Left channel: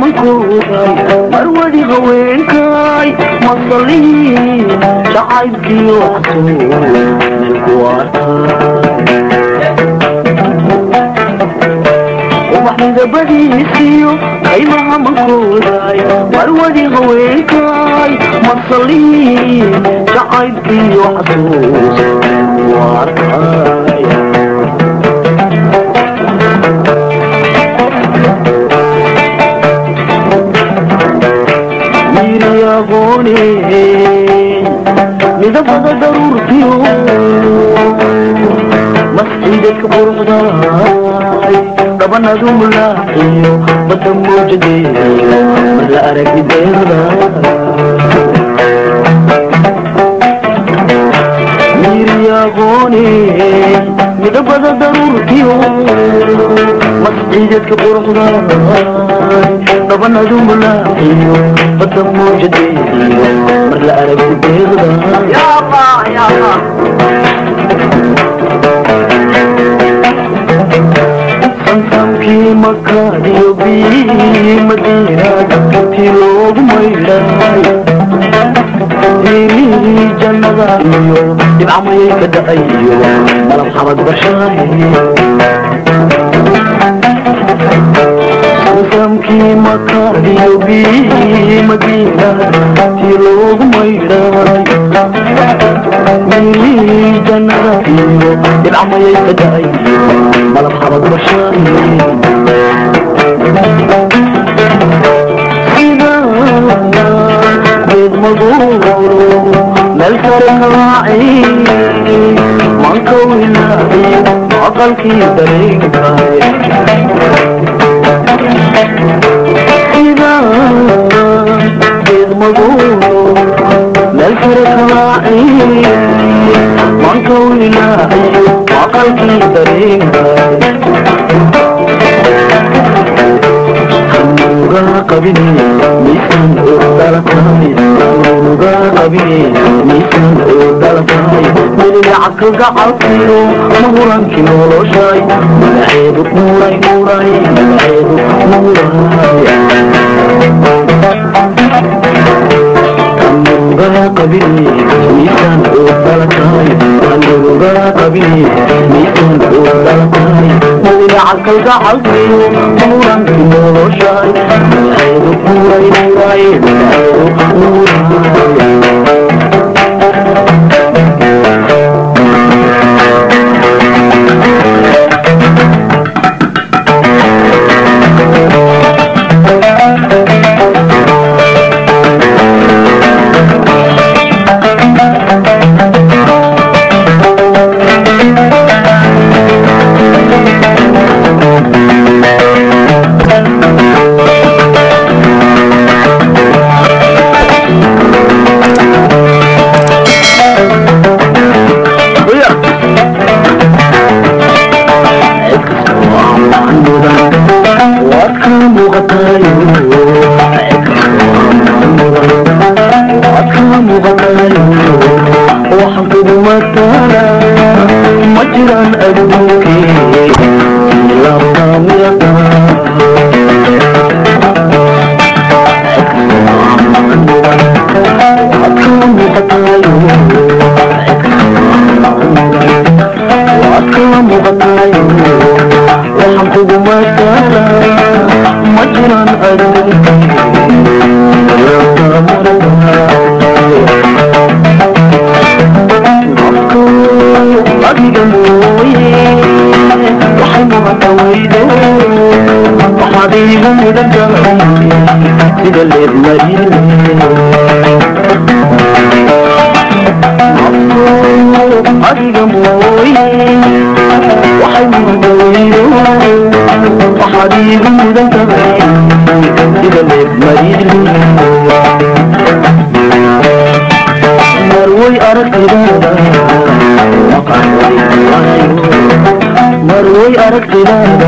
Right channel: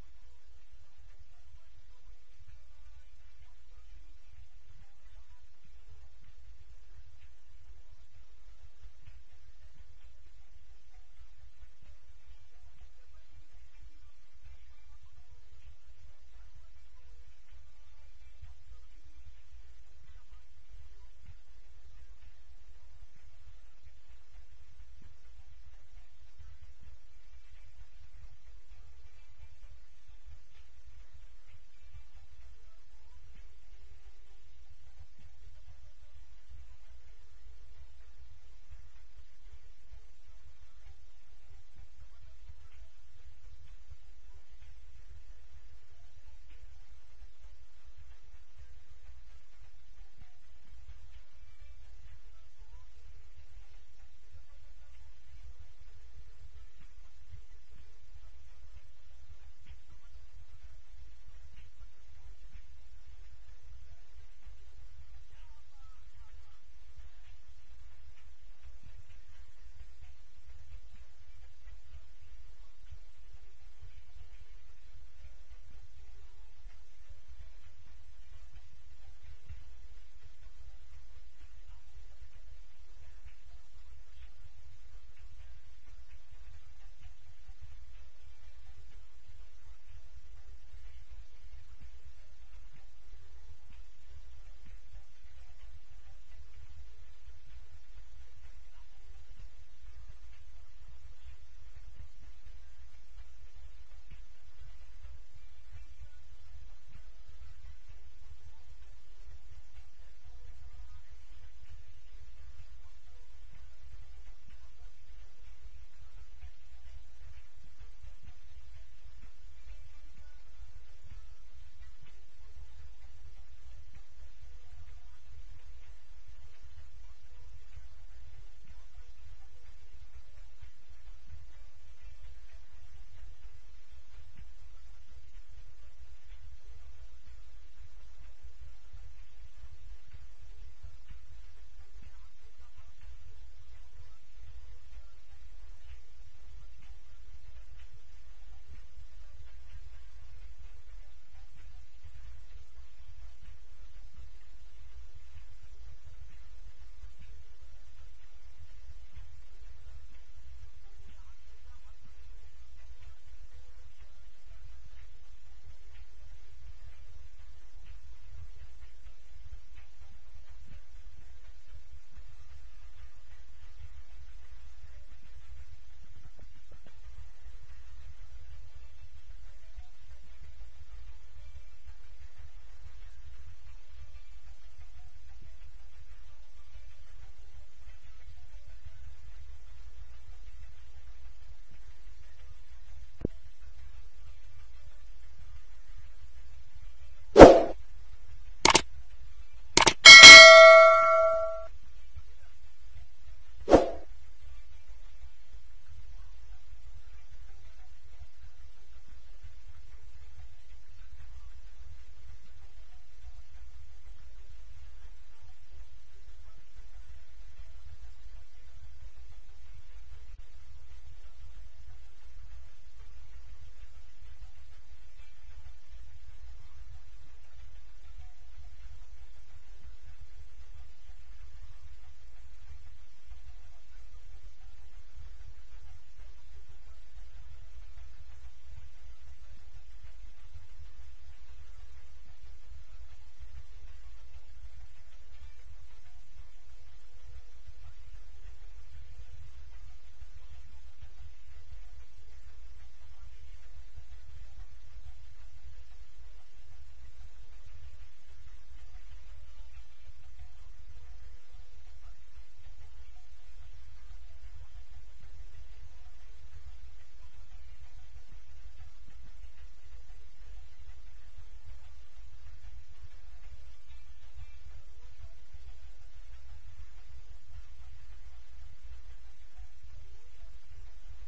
منكوبي مرودي هوينكاي مصلي شعيبكي وحصول ومحمد بديسيو قيمها منكوبي مرودي هوينكاي مصلي شعيبكي وحصول midabada daruurtiyo mascidadka quruxdaay dhabanadu mulaaxiyo badda muujadeeyo mar la aragi deerda miiriyaqoone midabada daruurtiyo mascidadka quruxdaay dhabanadu mulaaxiyo badda muujadeeyo mar la aragi deerda ya allah ya allah santamki makadiyo bi madina tiloogu maydhay diini jannada iyo dhibcamayay ka dha'ayo malab xabad bashaay santamki makadiyo bi madina tiloogu maydhay diini jannada iyo dhibcamayay ka dha'ayo malab xabad bashaay ملكركاعي منكويلاعي عقلكي دريقاي إذا بيض مضور ملكركاعي منكويلاعي عقلكي دريقاي حموغا قبني ميسان أردالكاي قبيلي ميسان ودلفاي ملي عقل قعطيو مهرانكي نولوشاي ملعيدك موراي موراي ملعيدك موراي أمروغا قبيلي ميسان ودلفاي أمروغا قبيلي ميسان ودلفاي ملي عقل قعطيو مهرانكي نولوشاي ملعيدك موراي موراي ملعيدك موراي مروي أركض